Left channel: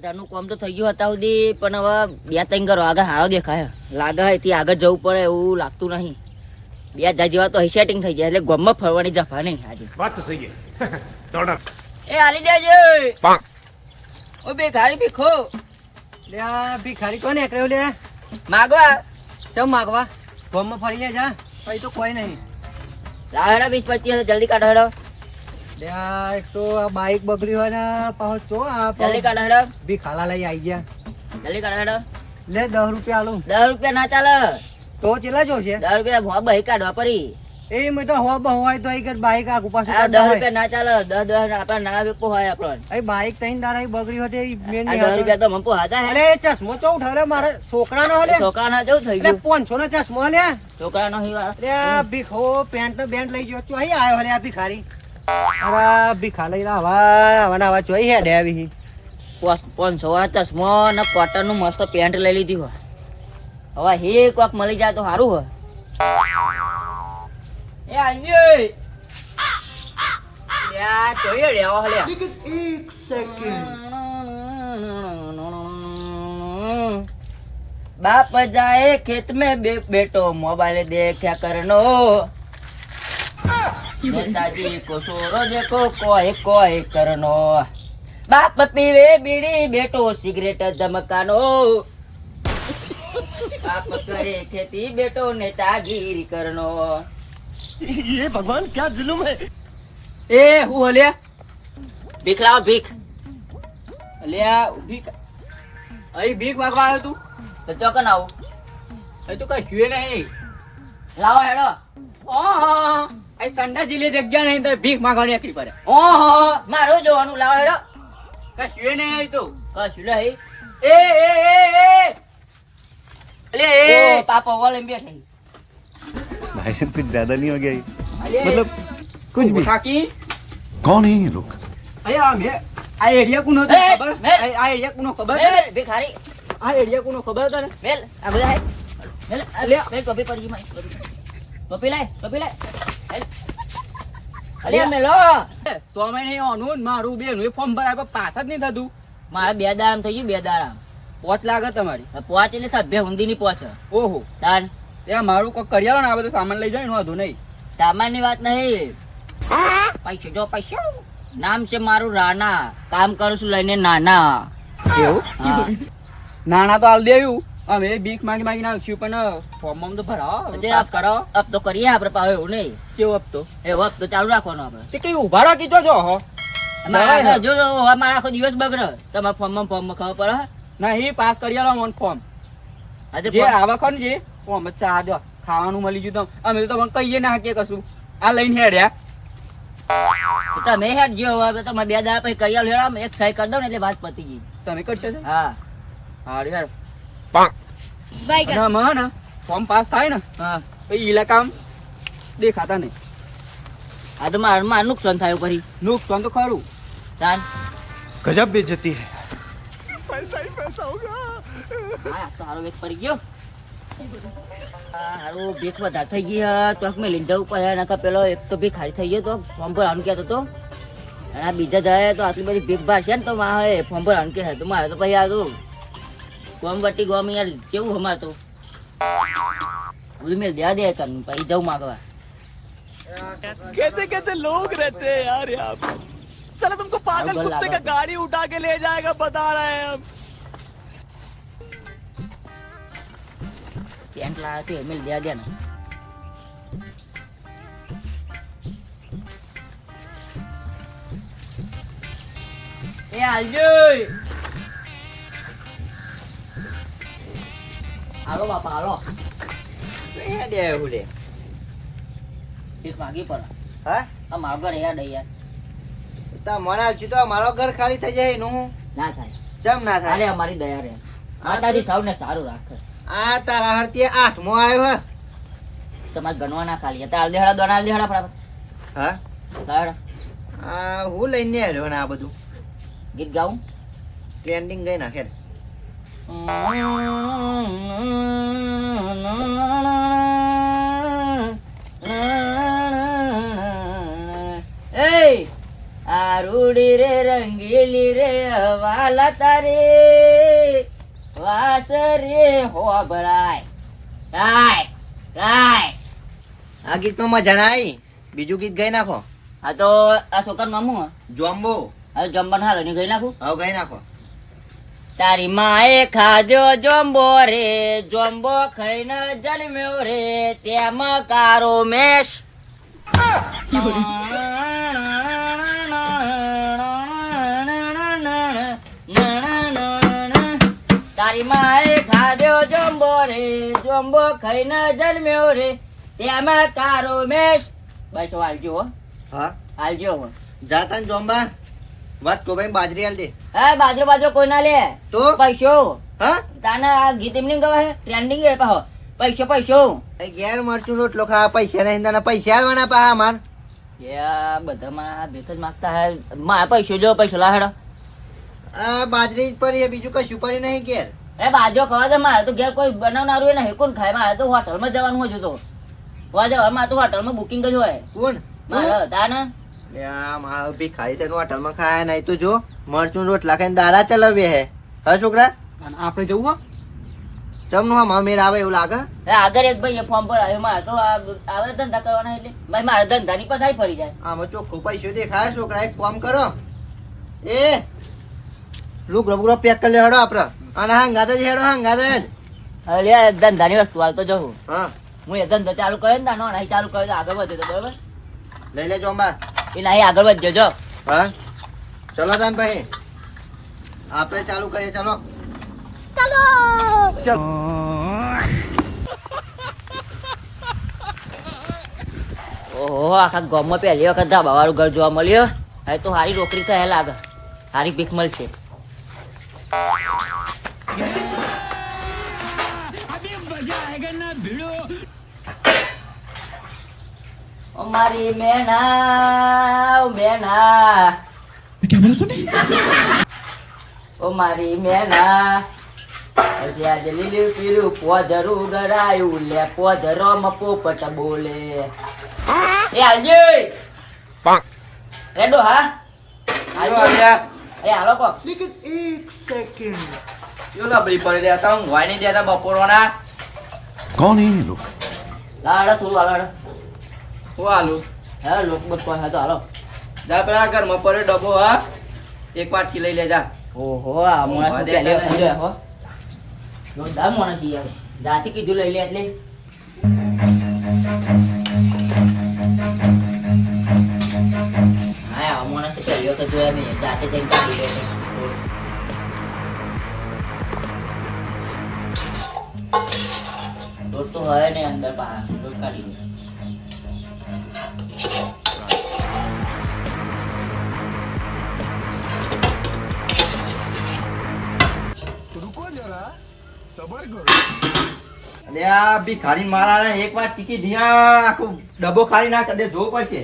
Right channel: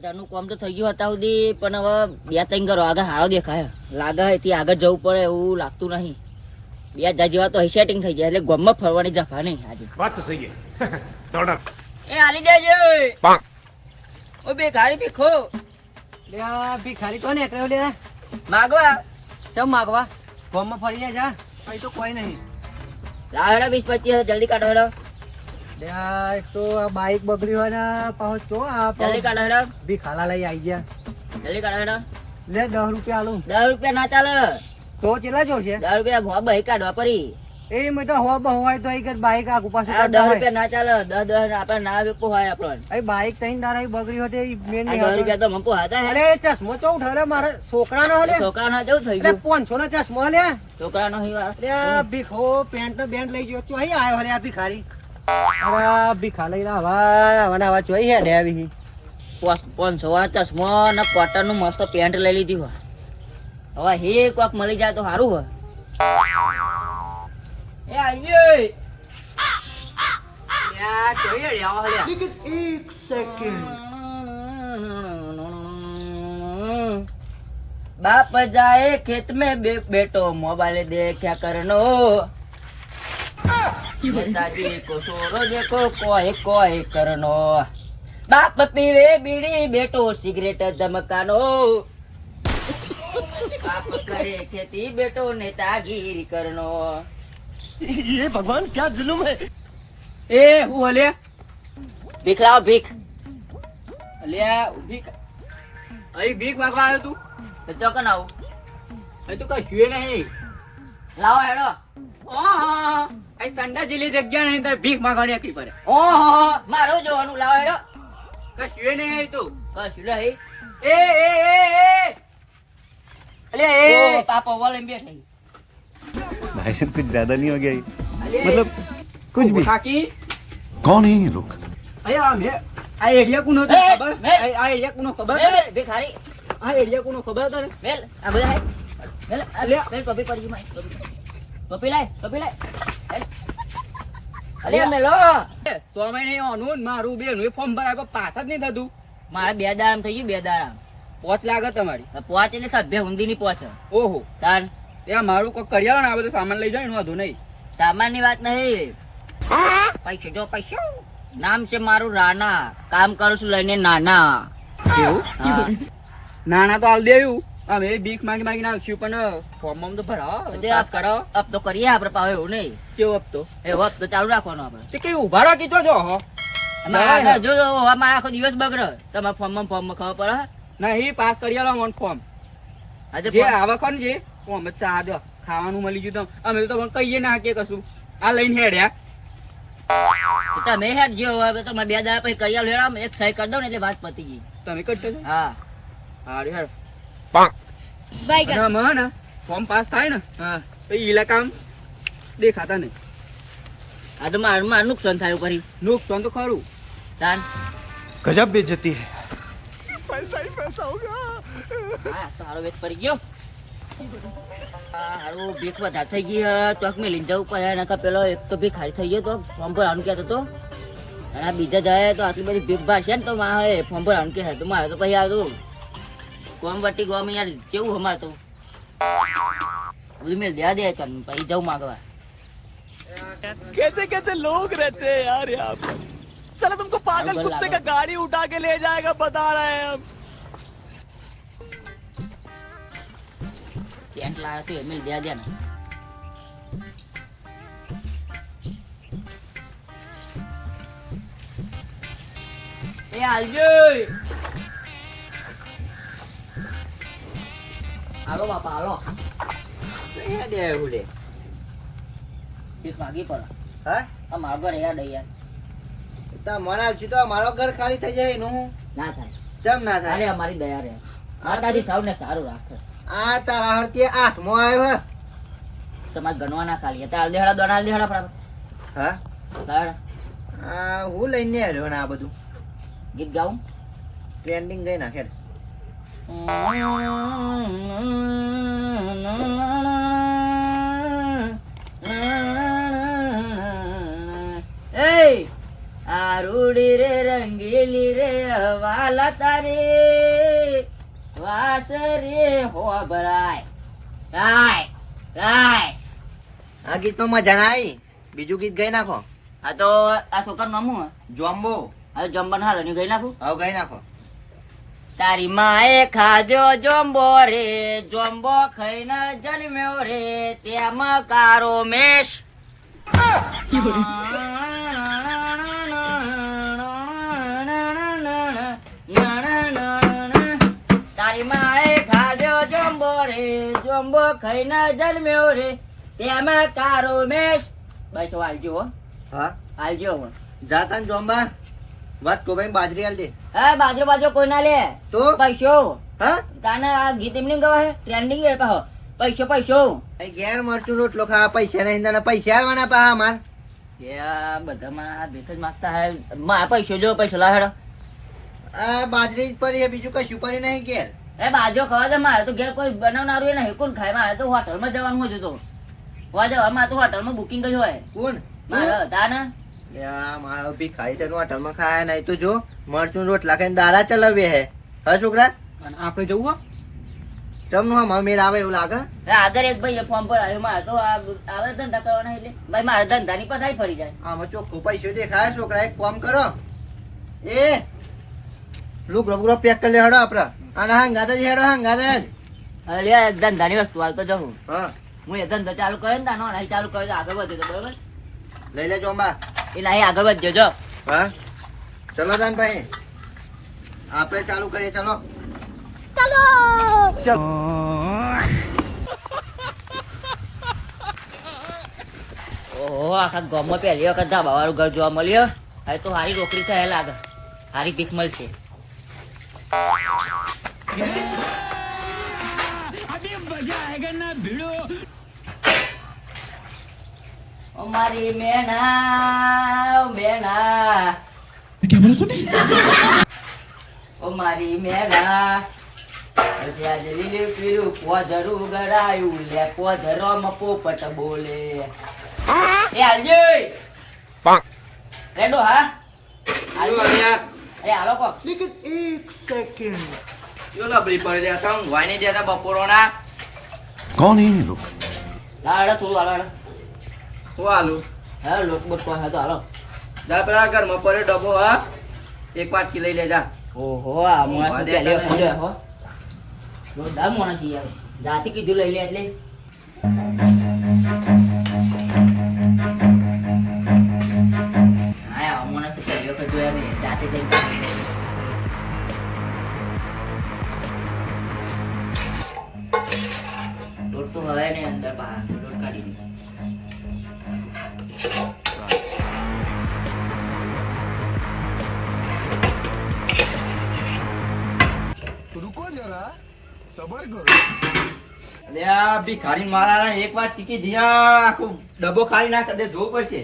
10,000 કામ તો થઈ ગયું હતા સુધી, પણ હવે 2-3 ઘરો આગળ હારો દેખાય લાગે છે, એથી આગળ જવું પડે એવું લાગતું નહીં. 2,000 જેવા તો સેટિંગ થઈ ગયા, એટલે ગામમાં ફરવાની જફા નહીં આજે. વાત તો સહી હે. દોડા એ હાલી દેજો ઓ ભિખારી ભીખો લે આ ભિખારી કોને એકડ્યો લે માગવા કેમ માગવા ગામમાં ફરીને જા અહીં તો કોઈ નહીં. લાવડા 20-25 જલ્દી કાઢો હેડો, લે આ એક તો આ બાઈક બગડી હોય ને પાછો ચો આ જલ્દી કાઢો હેડો, ભિખાલા લઈ આવી ગયા. જલ્દી કાઢો હેડો. લે 10 રૂપિયા આલું. 10 રૂપિયા ના ચાલે, તો ચેલા જોશે 10 રૂપિયા ભો બહી કાઢવા પડી. એ મેં હો બહવાય તો અહીં બાઈક આગુ પાછું આ 10 કરતા હોય. રૂપિયા ના ચાલે, 10 આપણે ના વેપો હોય આપણને. અહીં બાઈક તઈને દાડા અહીં બગડી હોય તે મેન આ નહીં 10 રૂપિયા તો મમ્પો હતા હે. અરે ચશ્મો ચો ઉઠાડે મારે છોકરાનો હો લે. છોકરાના જેવું થઈ એટલે ગયું, 500 નો ચશ્મો લે. છોકરાનો હિવા. લે આ ભીખો પેન્ટ તો બેન્ટ લઈ ગયો ચો અહીં આવ્યો લે આ ભિખારી. અરે ભીખા લઈ આવા ચોઈ હેડે આવી. 500 આ ચશ્મો ને કોટન નું મસ્ત પેન્ટ લઈ લીધી હોય. હવે હે કોક મળી જાય તો સારું હોય. એ આઈ યા જોઈએ રે આવો લે. લેકિન 1 સેકન્ડ बाप जाए खेत में बेटो मोबाइल देखा करनो, नेताजी को सोरो देखो कोई कोई करनो, बाप पीवे बीड़ी बेटो सिगरेट धमकानो, बाप करे खेती बेटो नेतागिरी करनो. ये भगवान क्या जुल्म है. ए હું હલે ભીખ લાવ ભીખ લે ભીખ અહીં ભીખ માંગવા આવ્યો તું તો ચોકન આવું અહીં તો કઈ હુએ નહીં લાવો હેડો. ઓહો અહીં સંડા જેલી જગ્યા નહીં તો ભીખ માંગવાની એકલી પડે. ઓહો મારું જોવાનું લાવો હેડો કઈ હુએ નહીં અહીં તો કશું નહીં. એ અલે એ પાપા વાલે બેઠે भाई साहब कुछ ज्यादा नहीं हो गया ये? मतलब कुछ भी. કાકી कौन है ये लोग? અયા મે આ એરિયા કોનો એ, ખબર મેલ. આ એરિયા કોનો ખબર મેલ ભિખારી આ એરિયા કોનો ખબર તને મેલ આ બધા હે મેલ મેલ ટોપી પડી ગઈ મારી ટોપી લાય અલે મેલો તો અમે નહીં ઓનું મારું બેન એ ફોર્મ ભરાય પણ પાસ જ નહીં થતું. મારે 2 દારામ થઈ ગયું 2 દારામ પોચ લાગે તમારી. પહોંચ એટલે સભ્ય ઊંધી ની પહોંચ ઓહો તાન એ મારું કોઈ કરી આલો ને આ બધું સામાન લઈ જાય એનું વાંધો નહીં. સામાન ની વાત નહીં પૈસો જો પૈસો નામ છે મારું રાણા કામ કરું છું લઈને નાના કેવું હા. નાના તો હાલ દેવું અમે ભીખ માંગી માંગી નાખ્યું પણ ફોર્મ તો ભરાવો પાસ કરાવો. અબ તો કરીએ આપણે પાવે એવું નહીં કેવો હપ્તો એવો હપ્તો ચાલુ રાખવાનો આપણે. તે કઈ ઉભા રાખી જો હો મારા જો મારા આખો દિવસ બગડે તમારા ફોર્મમાં ખબર પડે નહીં પાસ કરી આલો મને ફોર્મ આજે જે આવક ને જે ફોર્મ ચા દો ખાવાનું મળી ગયું તો અમે તો તમને કહીએ ના કે કશું આ લઈને હેડ્યા. તમે હેડ જો હવે તમે 2 દાડા પછી કરી આલો હેડ એક સહી કરી દઉં ને એટલે વાત પતી ગઈ. તમે કરશો છો હા હારું યાર બાય ના મને ફોર્મ પાસ થાય ને હા તો ઈલા કામ દેખાતા નહીં. આ તો મારું નુકસાન થયું ફરી નુકસાન તો ખરું. તાન गजब बेइज्जती है. હા તો હારો વેચ પડી ગયો. હારું ભીખ વધારે થઈ ગઈ હે ચોક મેં લઈને જવું પડે નકર પેલો એક તો ભીખ ખાલી થઈ ગયો તો ફોર્મ ભરવાનું કહેતો તો અને આ બીજા જાય તો આટલી બધી ભીખ ભાર છે ને તો મારે ફોર્મ ભરવાનું કહે તો મારે તો પછી આ તો ગોમ વટી ગોમ યાર કેવું અમારે તો બધું મેં દેવા દે કરનું પછી જવું માગવા. कैसे कैसे लोग रहते हैं यार यहाँ पर. साला तुमको पागल कुत्ते का गाड़ी उठा के ले जाएगा बता रहे हैं हम. પેન્ટ લાવ્યા તો એમ દેવા દે ને એ હાલજો હાલો બાપા હાલો એ દે એવું લે ભીખ માગી પડે હા આ મારો ઘર યાર યાર તા મને આવશું તો મારો ઘર ખાલી થઈ જાય એનું ના થાય જમ ના અરે થાય. અમારી દયા રે માતાજી સૌને સારું રાખે. આ તારા હરતી 8મો આવ્યો હે. તમારે ગણવા ના ખાલી તાલ દેહડા દોનાલ દેહડા ફટાફટ હા દાડ આ હું લઈને આવ્યો ને આ બધું ગીત ગાઉં ટ્રેન્ડિંગ ગઈ નાખે. એ આ રૂડી રે રંગીલી રે વાલા તારે વાસ રે હોબળાય રાય રાય. આ ગીતમાં મજા ના આવી, બીજું ગીત ગાઈ નાખો. આ તો આ છોકરા મામું જોમ્બો. હવે જમવાનું હાલો ની ગઈ નાખું. હવે ગાઈ નાખો. તારી માએ ખાજો જોંબો રે જોંબો ખાઈને જન્મ્યો રે તેમાં કારો મેશ. તારી માએ ખાજો જોંબો રે જોંબો ખાઈને જન્મ્યો રે તેમાં કારો મેશ. બસ હાલજો હો, હા હાલજો હો. જાતા જોમ્બા વાત કો ભાઈ બાજરી હાલ દે. હે બાજરો બાજરો કોઈ ના લે તો પૈસો. હા તાને આ ગીત એમની ગવા હે ટ્રેન્ડિંગ હે પાહો. પૈસો પૈસો એ ઘેર મરચું રોટલો ખાવા પૈસા નહીં, તને પૈસા આલવાના પાહા માર. યા બધામાં ભીખ જ માંગતા હે. માં પૈસો જો પૈસો લાહેડો. આ બાજરી જ પડી છે, બીજું કશું પડી નહીં ઘેર. એ બાજરો ખાવા દે. મારે તો ઘેર કોઈ બનાવનારું નહીં. કોણ ખાય? મારે તો હોટલમાં જવાનું હોય તો હોવા જવા. મારે તો હોટલમાં બુકિંગ જ હોય કોણ મારે. તાને મારો ભિખારી તેનું હોટલમાં ખાયા નહીં તો જો મરચું રોટલા ખાઈને દારા ચલાવીએ હે. હા છોકરા આપણે જવું ચમનું હા મેર આવે એવું લાગે. આગળ એક ભાઈ ફોર્મ પર આવ્યો. મારે તો આવે ધંધા કરવાના એટલે ભાઈ મારે ધંધાની પથારી ફરી જાય. આમાં ચોખ્ખો પૈસો દેખાય. છોકરા એક કામ કરો, એ લુગડો બુગડો પેક કરી લે હેડો આપડે. અને હંગાતે જ હેડો, હંગાતે જ. અરે ધંધાની વસ્તુ હાલ તો જવું. હા હું એ ધંધો ચાલુ કરે ને તાનો નહીં ચાલુ કરે તો આગળ વધે તો બરોબર. લઈ લે જોંબા. એ નહીં આગળ વધજો જો. હા ચલો તાન ભાઈ આપણે ચાલુ કરીએ. ચલો ઓહો આખા ગામમાં પહેલી વખત ધાબા વાળું ઘર જોવા મળ્યો. હવે તો સારી નોકરી થાય લાગે, સારી ભીખ મળશે. ઓ મારી મેના, ઓ મેના, ઓ મારી મેના, આજે લીલું પીળું પોધરું ગરાયું લે પોધરોમાં પોપટ બોલે. એ હાલજી રેડો. હા હાલજી. અરે હાલો કોક. લેકિન એક સેકન્ડ યો લબડી પડે લે તા હું વાઈ નહીં દેતા બપોરોના. कौन है ये लोग? લાડો થોડું હાલો. હું આલુ હા લોક બસ કોઈ હા તો હાલો. જા પેલા ઘરમાં પડે ડબ્બો. હા એક વાટકી લઈ લેજા. ઓહો આ મોણા તો પહેલી વખત જોયા હો. જોરદાર મોણા છે યાર. જાતી કીધું લઈ લે એટલે. હા આ મોણા તો પહેલી વખત જોયા મેં. જાતે જઈને કાઢી લે. લોટ તો હોય ને અંદર બહાર લોટ કાઢી દે. रुको जरा सबर करो. અલે આ ભિખારી મારા એક વાર ટીકી ધ્યા આખું ડબ્બો ખાલી ના કરી દે. જોવું પડશે.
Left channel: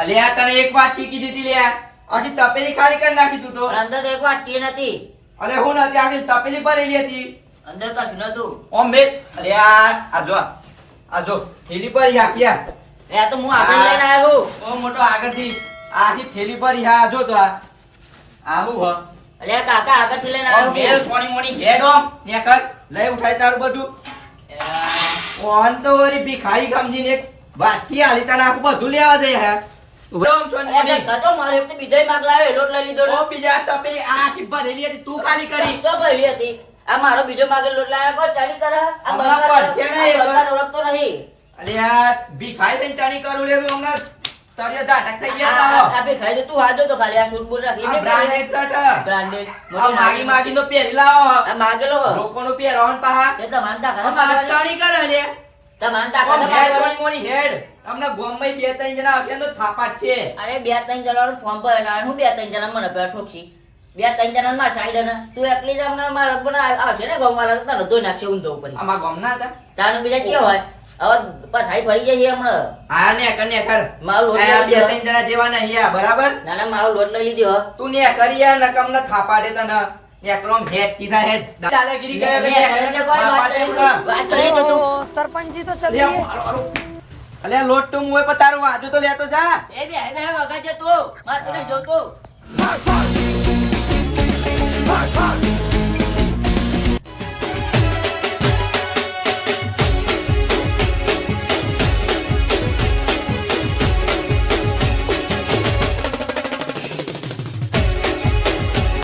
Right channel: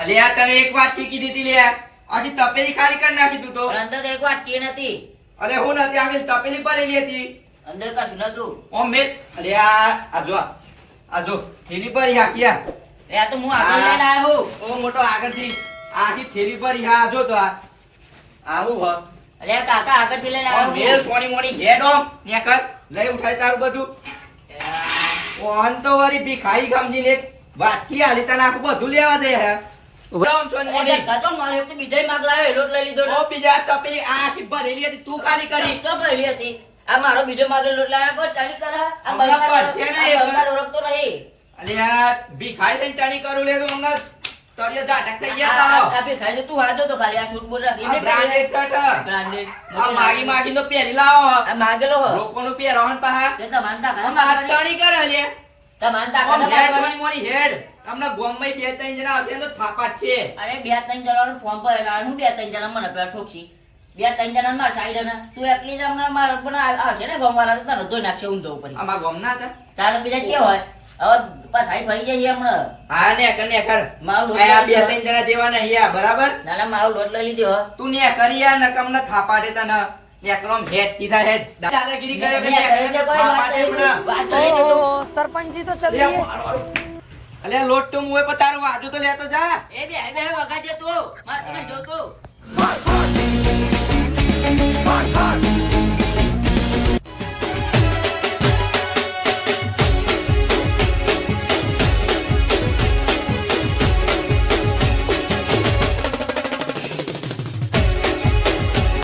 અલે આ તને એક વાર ટીકી દીધી લે. આખી તપેલી ખાલી કરી નાખી તું તો. પણ અંદર તો એક વાટકી નથી. અલે હું નથી, આખી તપેલી ભરેલી હતી. અંદર કશું નતું. ઓમ બે અલે આ જો થેલી પર આખી આ. એ આ તો હું આગળ લઈને આવ્યો. ઓ મોટો આગળથી આખી થેલી પર આ જો તો આવું હ. અલે કાકા આગળથી લઈને ઓમ મેલ આવ્યો. સોની મોની હેડ ઓમ ને કર લઈ ઉઠાય તારું બધું. ઓન તો વરી ભિખારી સમજીને એક વાટકી આલી તને આખું બધું લેવા દે હે. ઓમ સોની મોની કાકા મારે એક તો બીજાય માગ લાવ્યો લોટ લઈ લીધો. ઓ બીજા તપેલી આ આખી ભરેલી હતી તું ખાલી કરી. તો પહેલી હતી. આ મારો બીજો માગે લોટ લાવ્યો કોઈ ચાલી કરે. આ હમણાં બંગાળ પડશે ને એ બંગાળ ઓળખતો નહીં. અલે આ ભિખારી તને ટાણી કરું લેરું હમણાં તળિયે ઝાટક થઈ ગયા તા. આ ભી ખાઈ દે તું હાજો તો ખાલી આ સૂટ બૂટ રાખી આ બ્રાન્ડેડ શર્ટ બ્રાન્ડેડ આ માગી માગી નો પહેરી લાવો. આ માગેલો હો. લોકોનું પહેરવાનું પાહા તે તો માનતા કરે આ તણી કરે લે. તે માનતા આમ હેડ કરે. સોની મોની હેડ. હમણાં ગોમમાં બે ત્રણ જણા આવશે ને તો થાપા જ છે. અરે બે ત્રણ જણાનું ફોર્મ પર એના હું બે ત્રણ જણા મને પેલા ઠોકશી. બે ત્રણ જણા મારા સાઈડ ને તું એકલી જ અમને મારા પણ આવશે ને ગોમવાળા તો તને ધોઈ નાખશે ઊંધો ઉપર. આમાં ગોમના હતા. તારે બીજા કેવો હોય હવે પથારી ફરી જાય છે હમણાં. હા ને કર મારું લોટ આ બે લઈ ત્રણ જણા જેવા નહીં આ બરાબર. નાના મારું લોટ લઈ લીધો હો. તું ને કરી યાર નકમ ના થાપા દેતા ન એકલો હેડ કીધા હેડ દાદાગીરી કર્યા લે, કર્યા લે, કોઈ બાપા વાત નહીં. ટેબલા. વાત કરી તો તું. ઓહો, સરપંચજી તો ચલીએ. અલ્યા લોટ તું મુએ પર તારું વાજુ તો લેતો જા એ બે વગાડજે તું. મારે કોને જોતું